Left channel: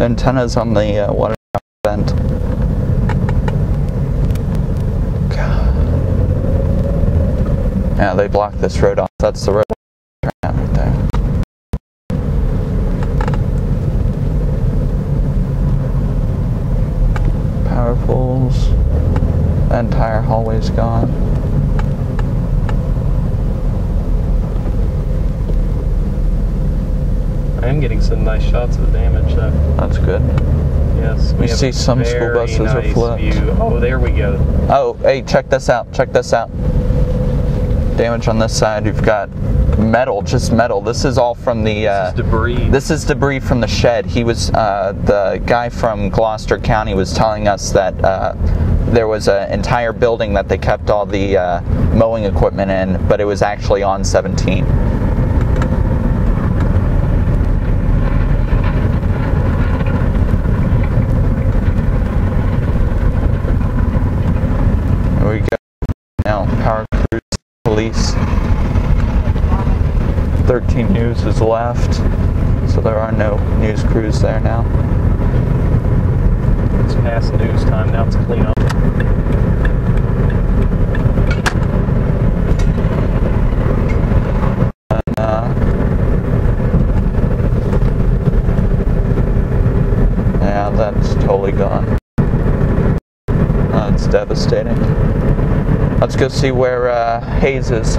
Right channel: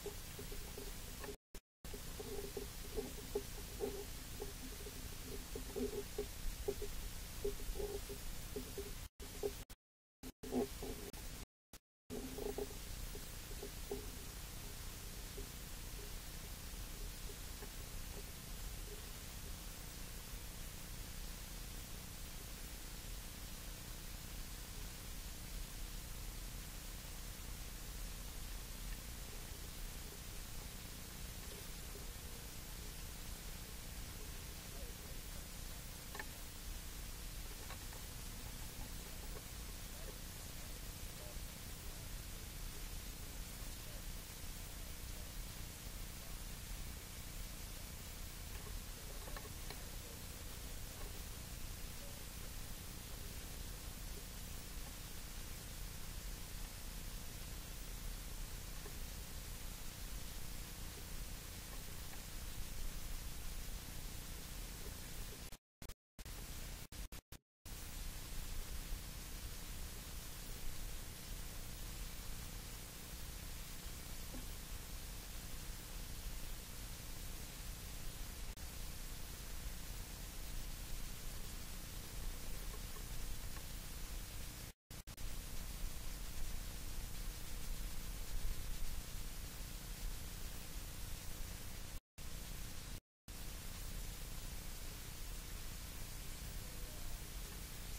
The antenna's on the water vent. God. Yeah, they blocked this road off. That's the road right there. Power poles. The entire hallway's gone. I am getting some nice shots of the damage though. That's good. Yes. We see some school buses are flipped. View. Oh, there we go. Oh, hey, check this out. Check this out. Damage on this side. You've got metal, just metal. This is all from the... this is debris. This is debris from the shed. He was, the guy from Gloucester County was telling us that there was an entire building that they kept all the mowing equipment in, but it was actually on 17. Here we go. Now, power crews, police. 13 News is left, so there are no news crews there now. It's past news time, now it's clean up. Yeah, that's totally gone. It's devastating. Let's go see where Hayes is.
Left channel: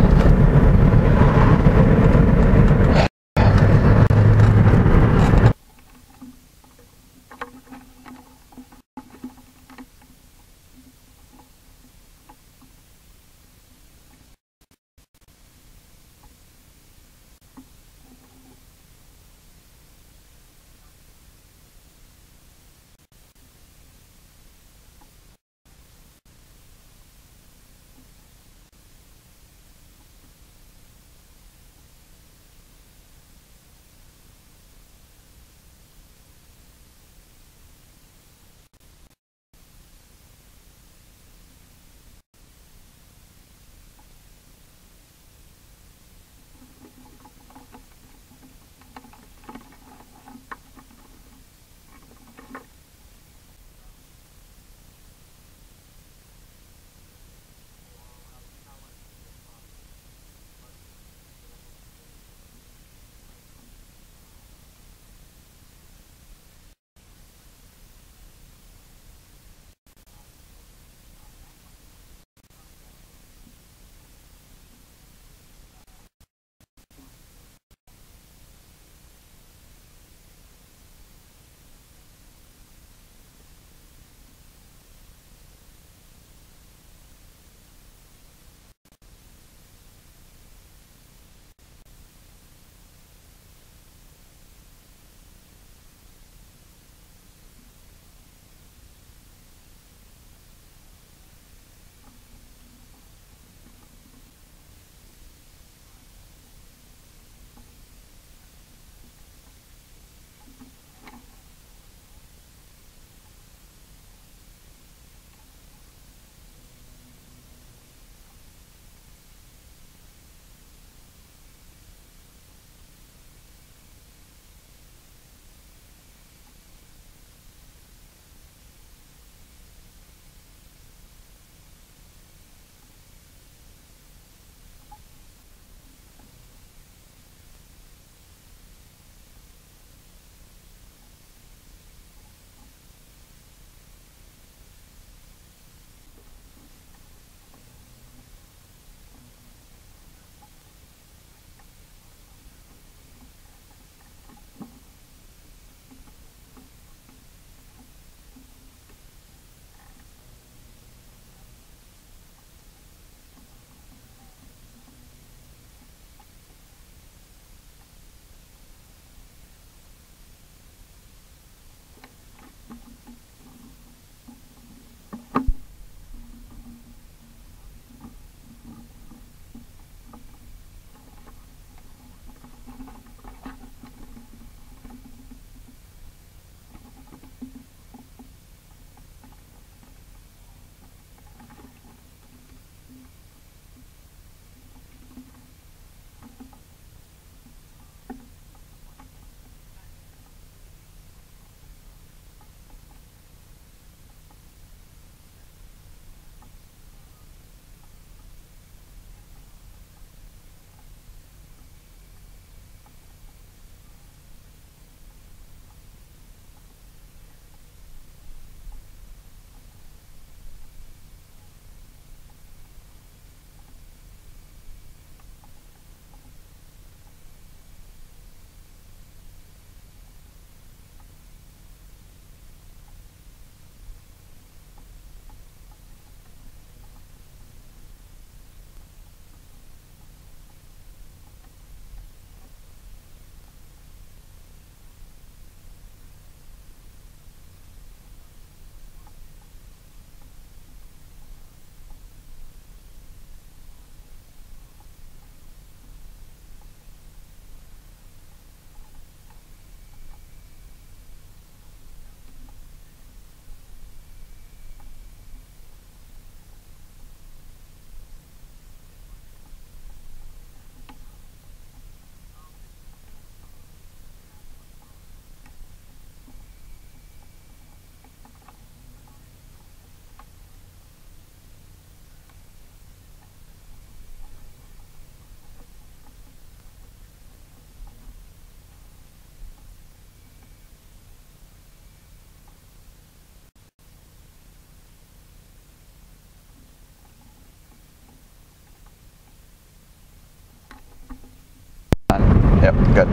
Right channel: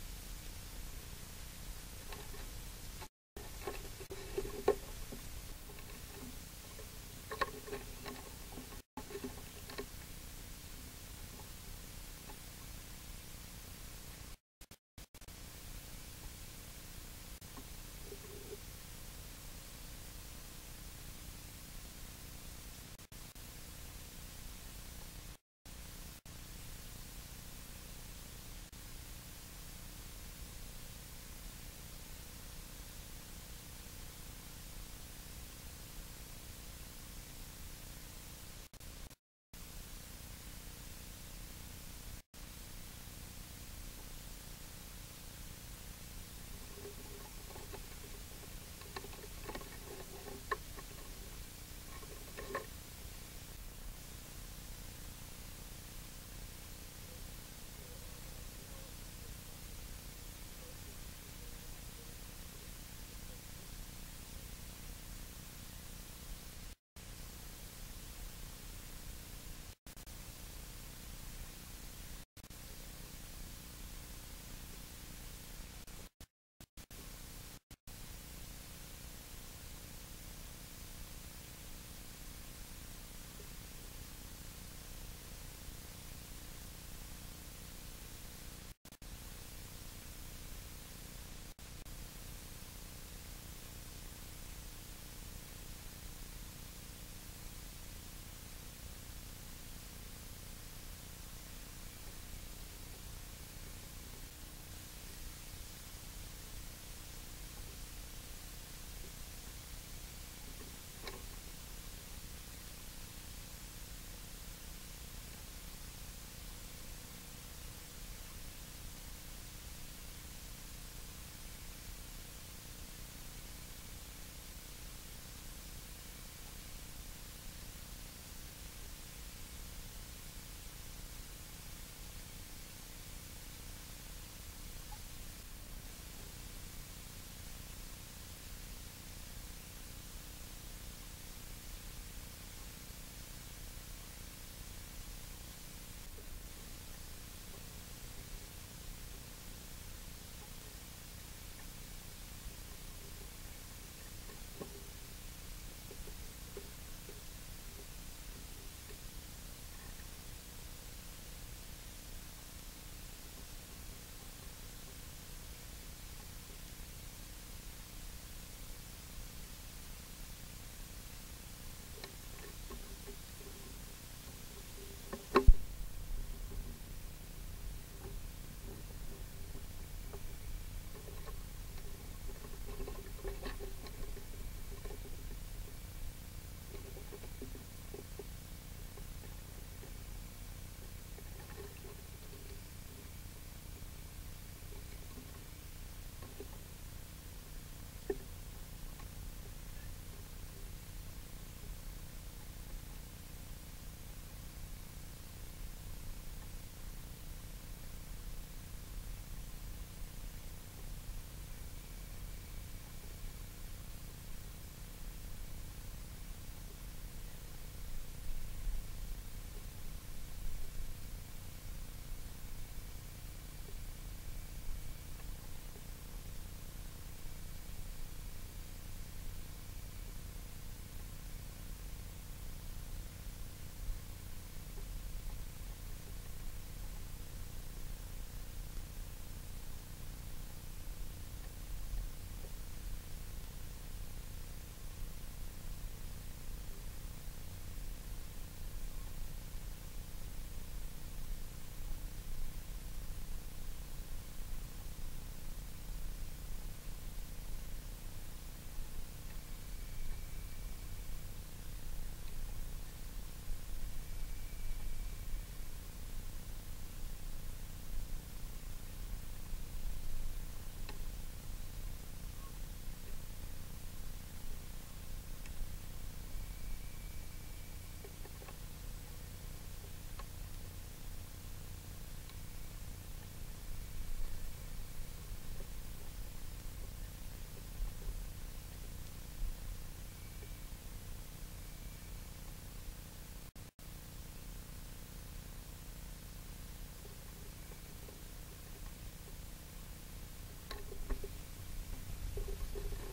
Good.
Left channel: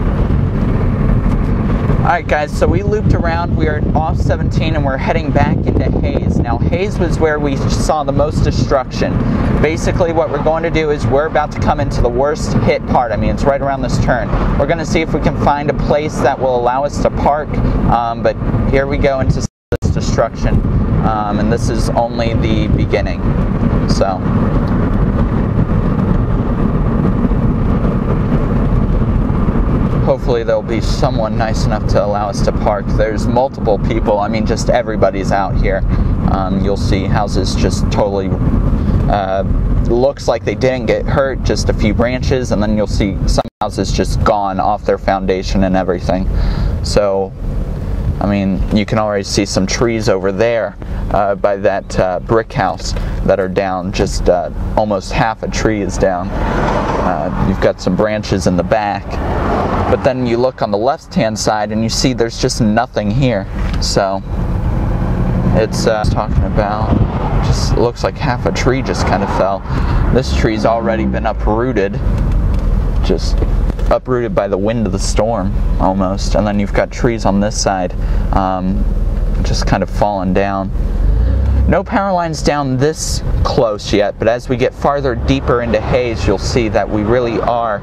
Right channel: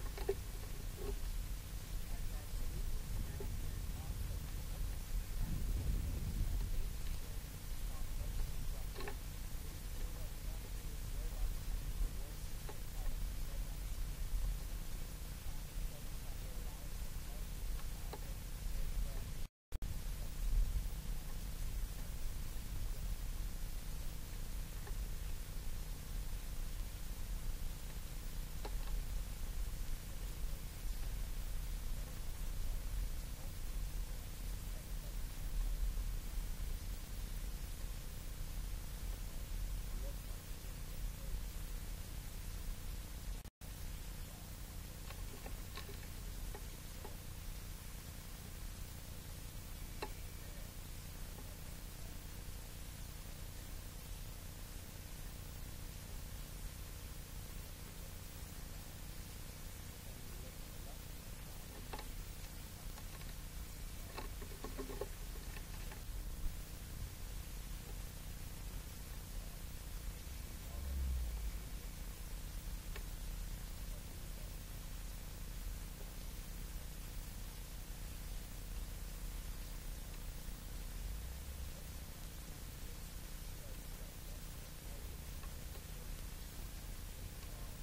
Alright guys, so we looped around, we are off 17 and we're heading back into Hayes. Now Hayes was where we saw the most destruction. Basically what we're going to do is we're about to come into the worst hit part. I mean, it's right around this turn. We're going to see if we can find a place that will allow us to park, but here we go into this destruction, and this is only the beginning. So hopefully there'll be someone nice enough to allow us to park. There's multiple people. I mean, just everybody's out here. You'll see houses just totally looks like they didn't get hurt, just a few branches, and then you'll see some houses just gone off their foundation and everything. So, I mean, you can already see some trees over there by that brick house that are down. Just almost half a tree is down. You've got some branches in the back. But then you look on the left-hand side and you see there's just nothing here. So it's talking about, just looks like half a tree just kind of fell. This tree's already been uprooted, just uprooted by the wind of the storm almost. And then you've got trees on this side just kind of falling down. No power lines down this close yet, but as we get farther deeper into Hayes, you'll see that we really are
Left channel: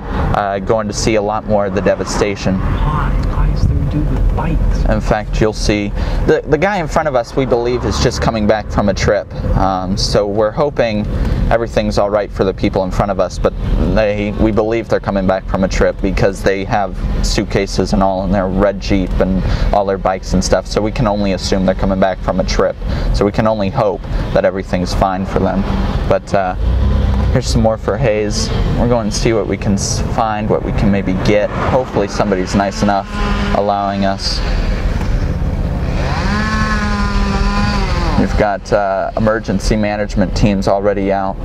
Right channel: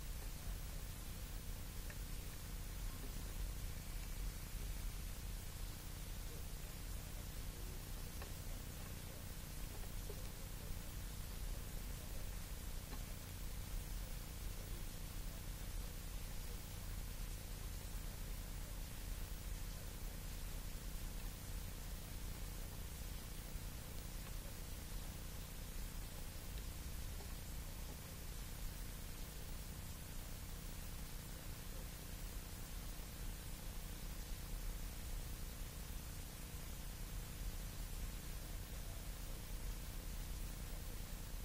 going to see a lot more of the devastation. Why is there do the bikes? In fact, you'll see the guy in front of us, we believe, is just coming back from a trip. So we're hoping everything's all right for the people in front of us, but we believe they're coming back from a trip because they have suitcases and all in their red Jeep and all their bikes and stuff. So we can only assume they're coming back from a trip. So we can only hope that everything's fine for them. But here's some more for Hayes. We're going to see what we can find, what we can maybe get. Hopefully somebody's nice enough allowing us. We've got emergency management teams already out,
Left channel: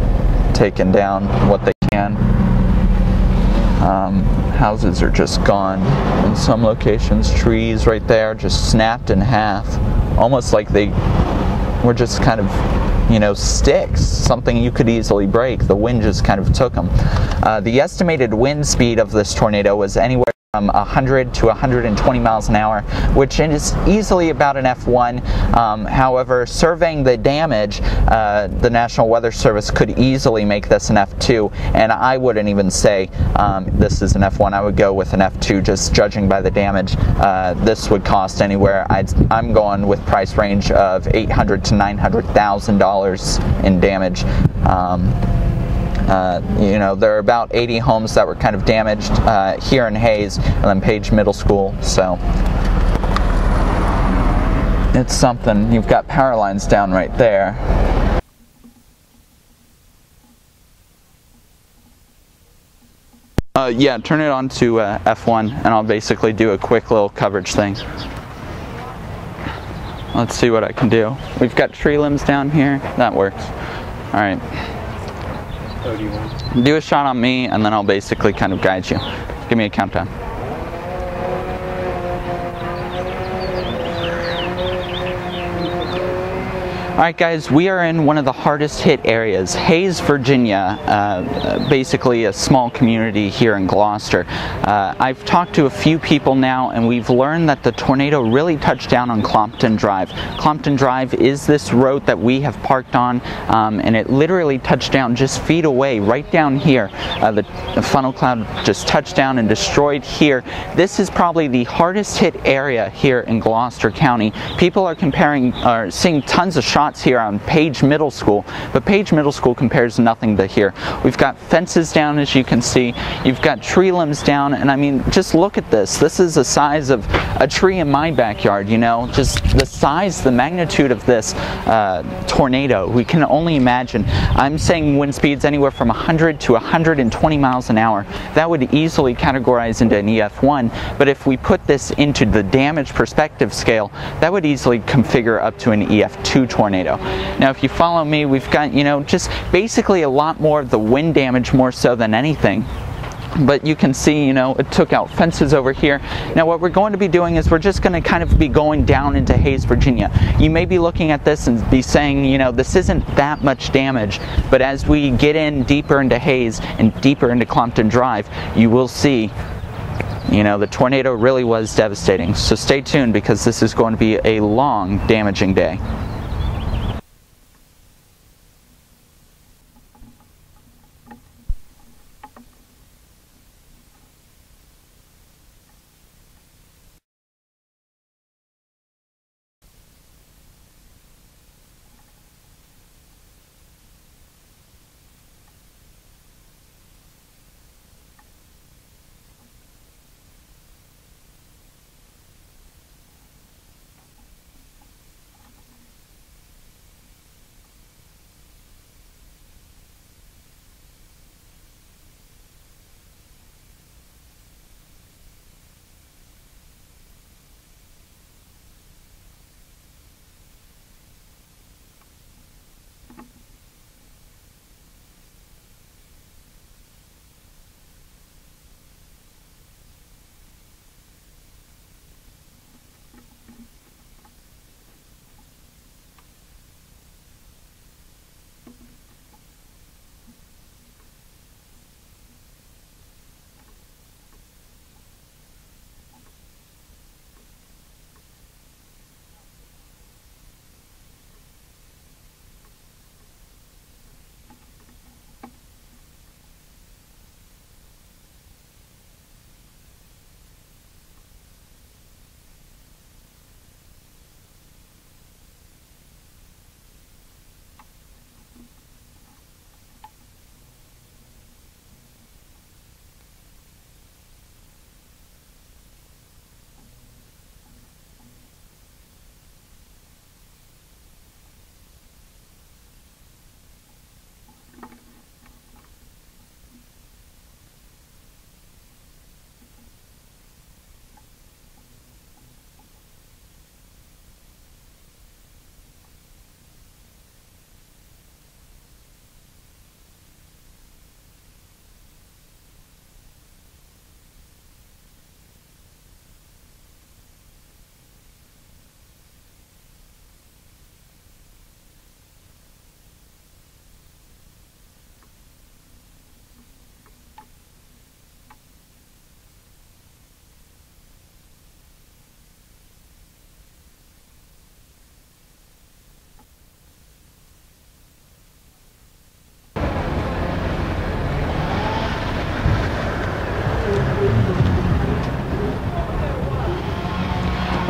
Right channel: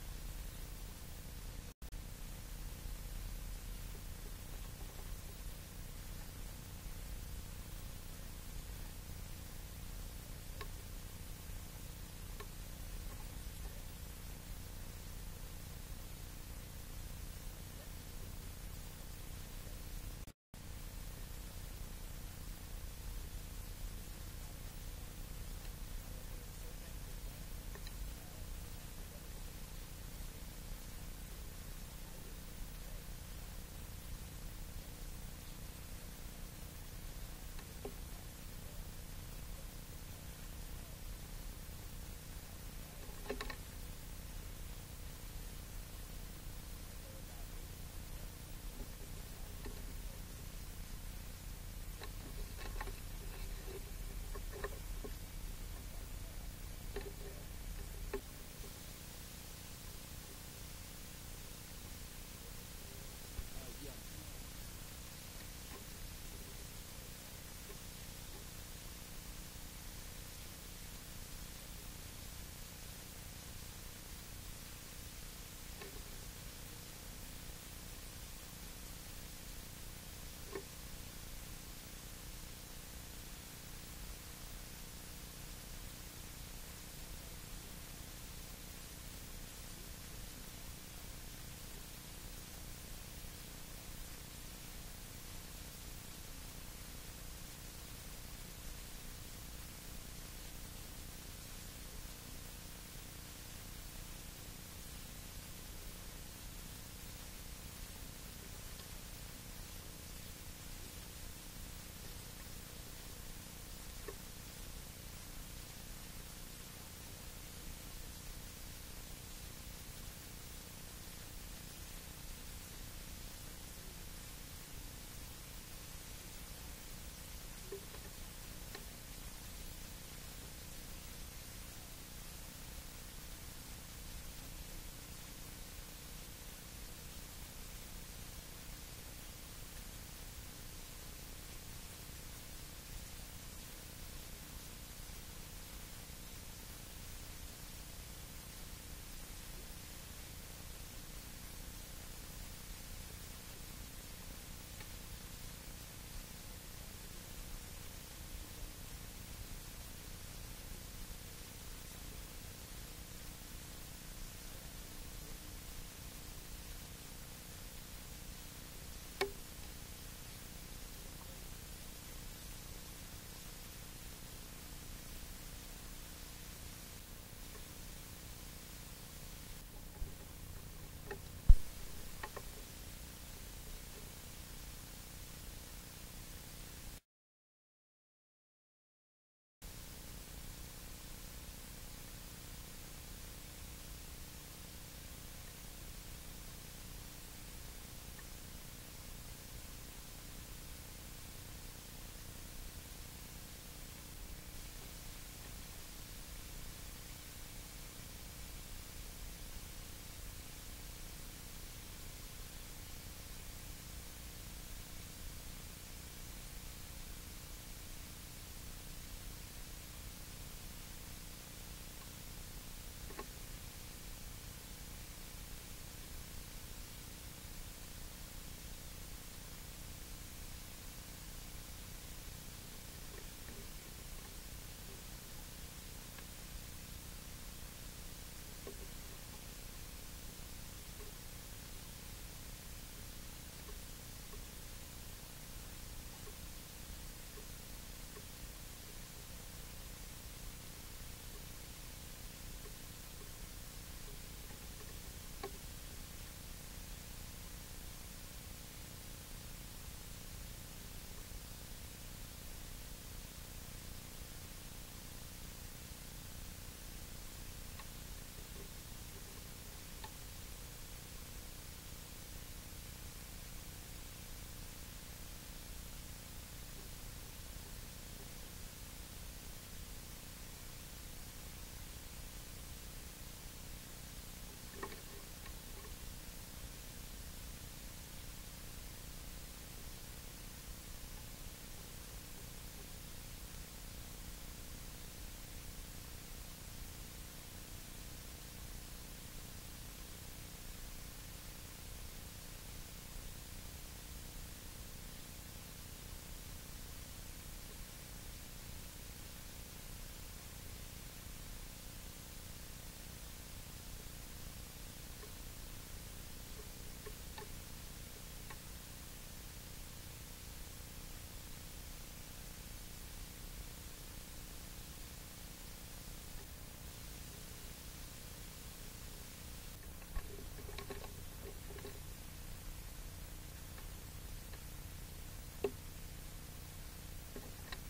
taking down what they can. Houses are just gone in some locations. Trees right there just snapped in half, almost like they were just kind of, you know, sticks, something you could easily break. The wind just kind of took them. The estimated wind speed of this tornado was anywhere from 100 to 120 miles an hour, which is easily about an F1. However, surveying the damage, the National Weather Service could easily make this an F2, and I wouldn't even say this is an F1. I would go with an F2, just judging by the damage. This would cost anywhere, I'm going with price range of $800,000 to $900,000 in damage. You know, there are about 80 homes that were kind of damaged here in Hayes and then Page Middle School, so it's something. You've got power lines down right there. Yeah, turn it on to F1 and I'll basically do a quick little coverage thing. Let's see what I can do. We've got tree limbs down here. That works. All right. Oh, do you want? Do a shot on me and then I'll basically kind of guide you. Give me a countdown. Alright guys, we are in one of the hardest hit areas, Hayes, Virginia, basically a small community here in Gloucester. I've talked to a few people now and we've learned that the tornado really touched down on Clompton Drive. Clompton Drive is this road that we have parked on, and it literally touched down just feet away, right down here. The funnel cloud just touched down and destroyed here. This is probably the hardest hit area here in Gloucester County. People are seeing tons of shots here on Page Middle School, but Page Middle School compares nothing to here. We've got fences down, as you can see. You've got tree limbs down, and I mean, just look at this. This is the size of a tree in my backyard, you know, just the size, the magnitude of this tornado. We can only imagine. I'm saying wind speeds anywhere from 100 to 120 miles an hour. That would easily categorize into an EF1, but if we put this into the damage perspective scale, that would easily configure up to an EF2 tornado. Now, if you follow me, we've got, you know, just basically a lot more of the wind damage more so than anything. But you can see, you know, it took out fences over here. Now what we're going to be doing is we're just going to kind of be going down into Hayes, Virginia. You may be looking at this and be saying, you know, this isn't that much damage, but as we get in deeper into Hayes and deeper into Clompton Drive, you will see You know, the tornado really was devastating. So stay tuned, because this is going to be a long, damaging day.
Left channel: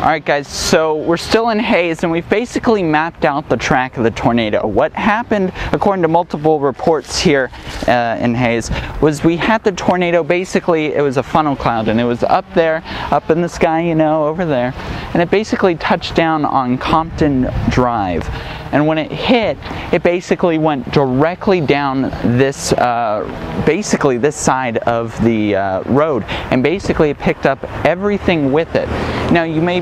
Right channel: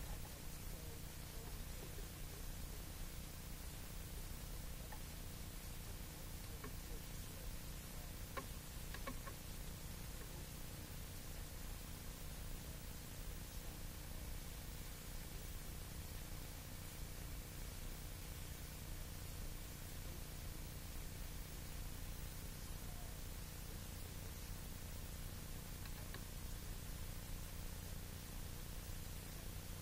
Alright guys, so we're still in Hays, and we've basically mapped out the track of the tornado. What happened, according to multiple reports here in Hays, was we had the tornado, basically it was a funnel cloud, and it was up there, up in the sky, you know, over there, and it basically touched down on Compton Drive. And when it hit, it basically went directly down this, basically this side of the road, and basically it picked up everything with it. Now you may,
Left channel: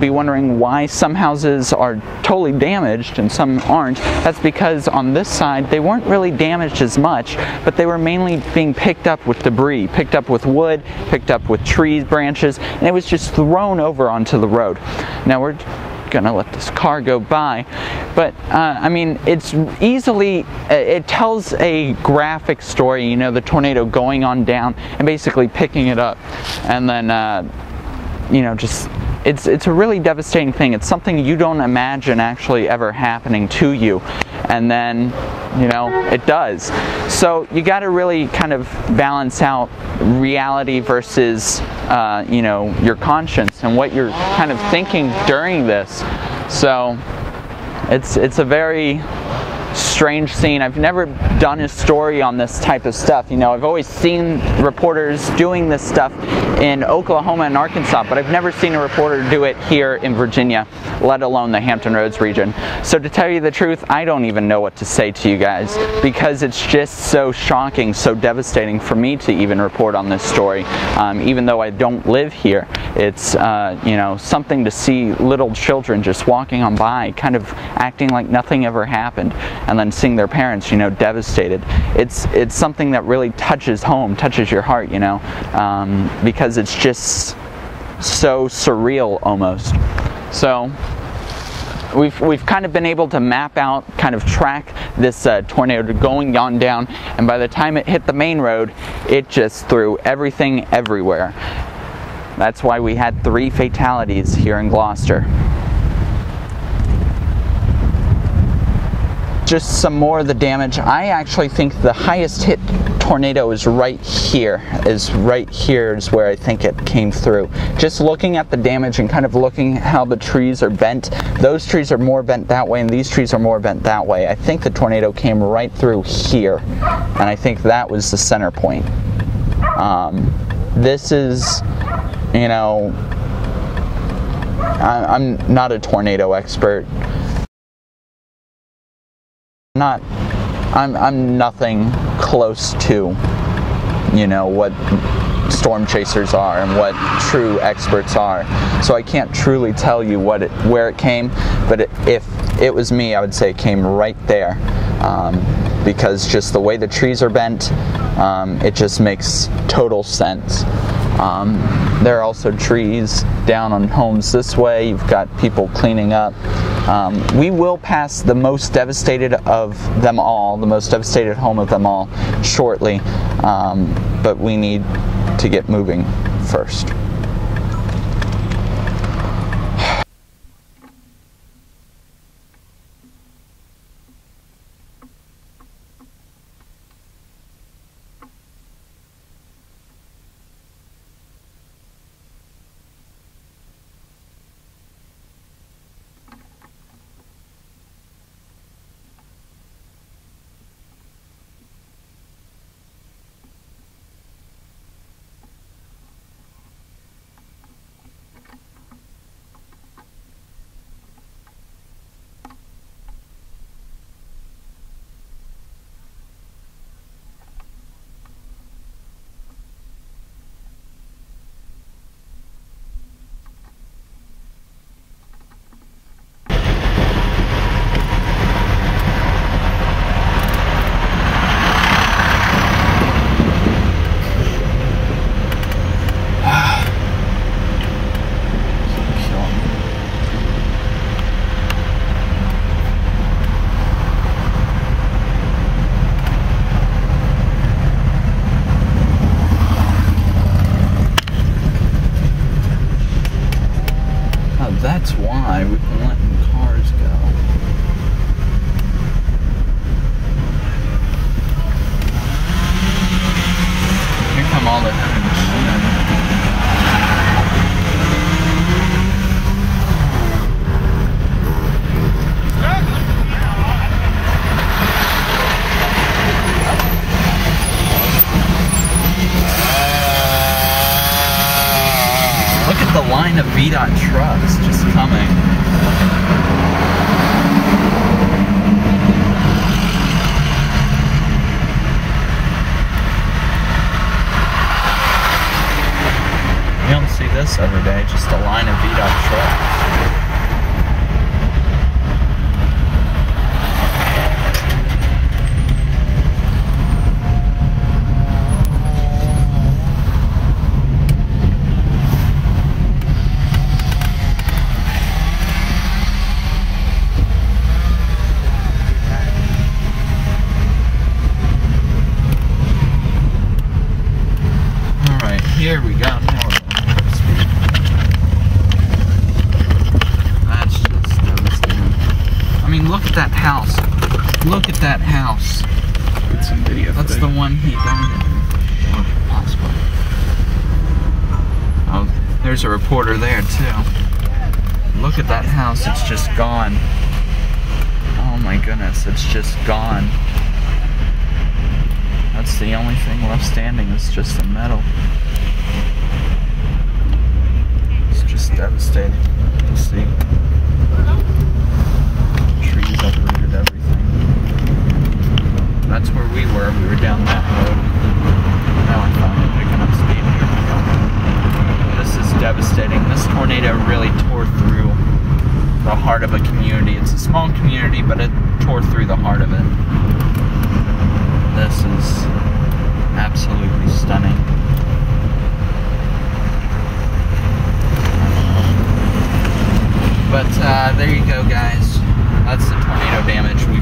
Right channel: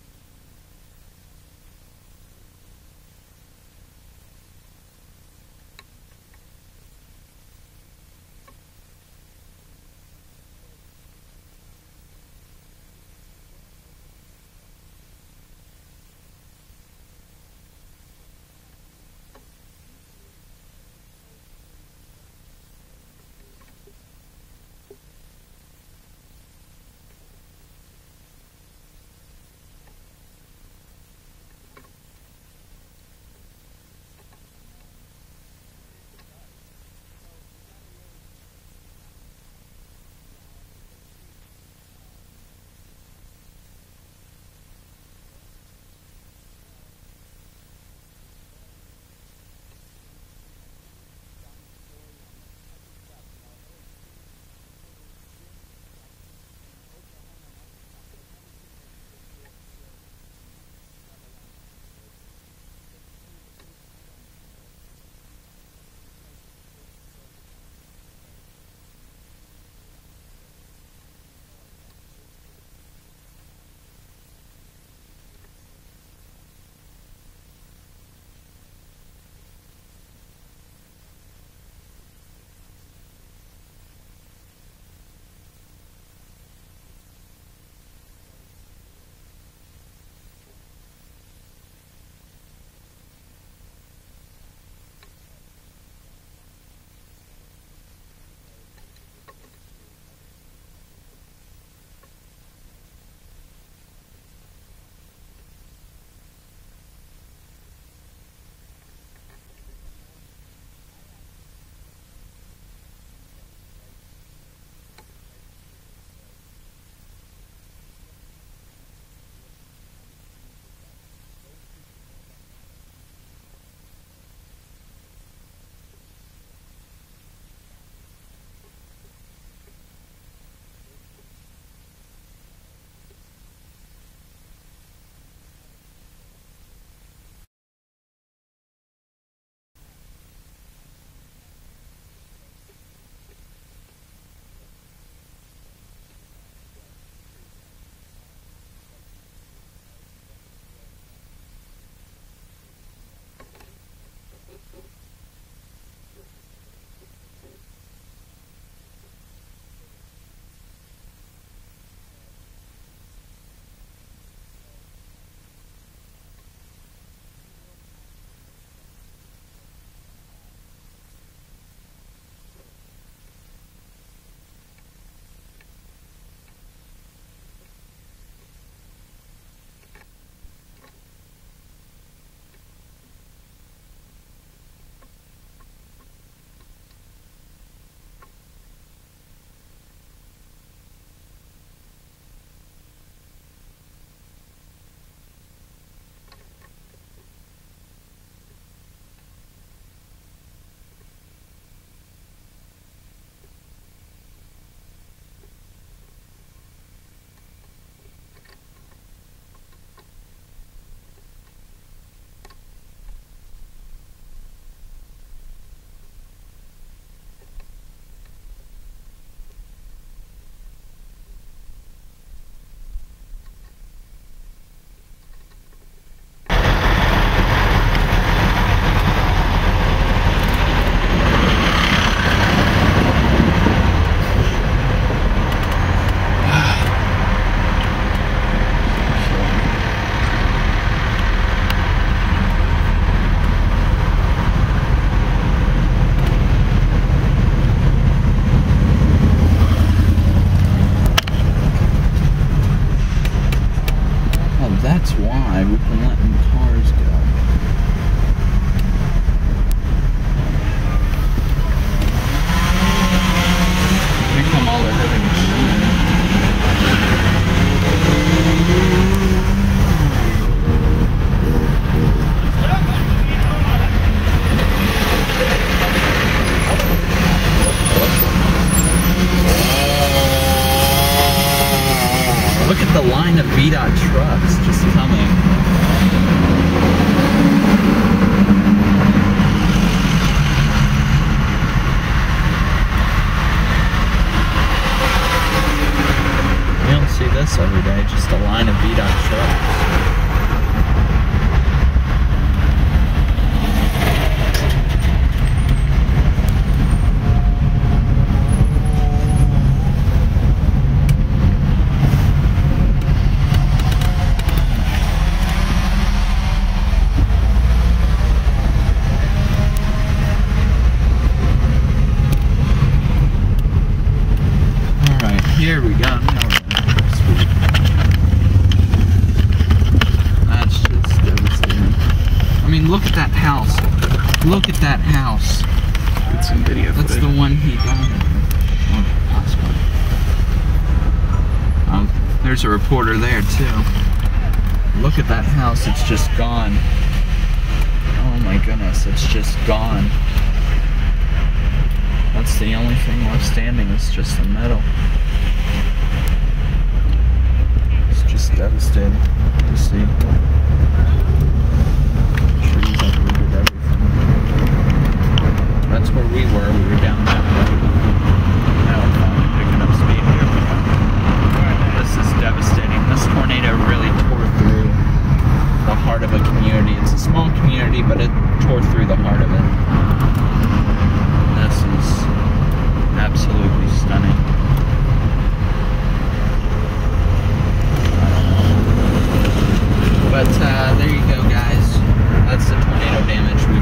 be wondering why some houses are totally damaged and some aren't. That's because on this side they weren't really damaged as much, but they were mainly being picked up with debris, picked up with wood, picked up with trees, branches, and it was just thrown over onto the road. Now we're gonna let this car go by, but I mean, it's easily, it tells a graphic story, the tornado going on down and basically picking it up, and then just it's a really devastating thing. It's something you don't imagine actually ever happening to you, and then it does. So you got to really kind of balance out reality versus your conscience and what you're kind of thinking during this. So it's a very strange scene. I've never done a story on this type of stuff. I've always seen reporters doing this stuff in Oklahoma and Arkansas, but I've never seen a reporter do it here in Virginia, let alone the Hampton Roads region. So to tell you the truth, I don't even know what to say to you guys, because it's just so shocking, so devastating for me to even report on this story. Even though I don't live here, it's something to see little children just walking on by, kind of acting like nothing ever happened, and then seeing their parents, devastated. It's something that really touches home, touches your heart, because it's just so surreal almost. So we've kind of been able to map out, kind of track this tornado going on down, and by the time it hit the main road, it just threw everything everywhere. That's why we had 3 fatalities here in Gloucester. Just some more of the damage. I actually think the highest hit tornado is right here. Is where I think it came through. Just looking at the damage and kind of looking how the trees are bent. Those trees are more bent that way and these trees are more bent that way. I think the tornado came right through here. And I think that was the center point. This is, you know, I'm not a tornado expert. I'm nothing close to, you know, what storm chasers are and what true experts are. So I can't truly tell you where it came, but if it was me, I would say it came right there. Because just the way the trees are bent, it just makes total sense. There are also trees down on homes this way. You've got people cleaning up. We will pass the most devastated of them all, the most devastated home of them all, shortly, but we need to get moving first. That's why we've been letting cars go. Here come all the living Look at the line of VDOT trucks just coming. You don't see this every day, just a line of VDOT trucks. Here we go. That's just devastating. I mean, look at that house. Look at that house. Get some video footage. That's the one he died. Oh, there's a reporter there too. Look at that house. It's just gone. Oh my goodness, it's just gone. That's the only thing left standing is just the metal. It's just devastating to see. Trees uprooted everything. That's where we were down that road. Now we're finally picking up speed here. This is devastating. This tornado really tore through the heart of a community. It's a small community, but it tore through the heart of it. This is absolutely stunning. But there you go, guys. That's the tornado damage we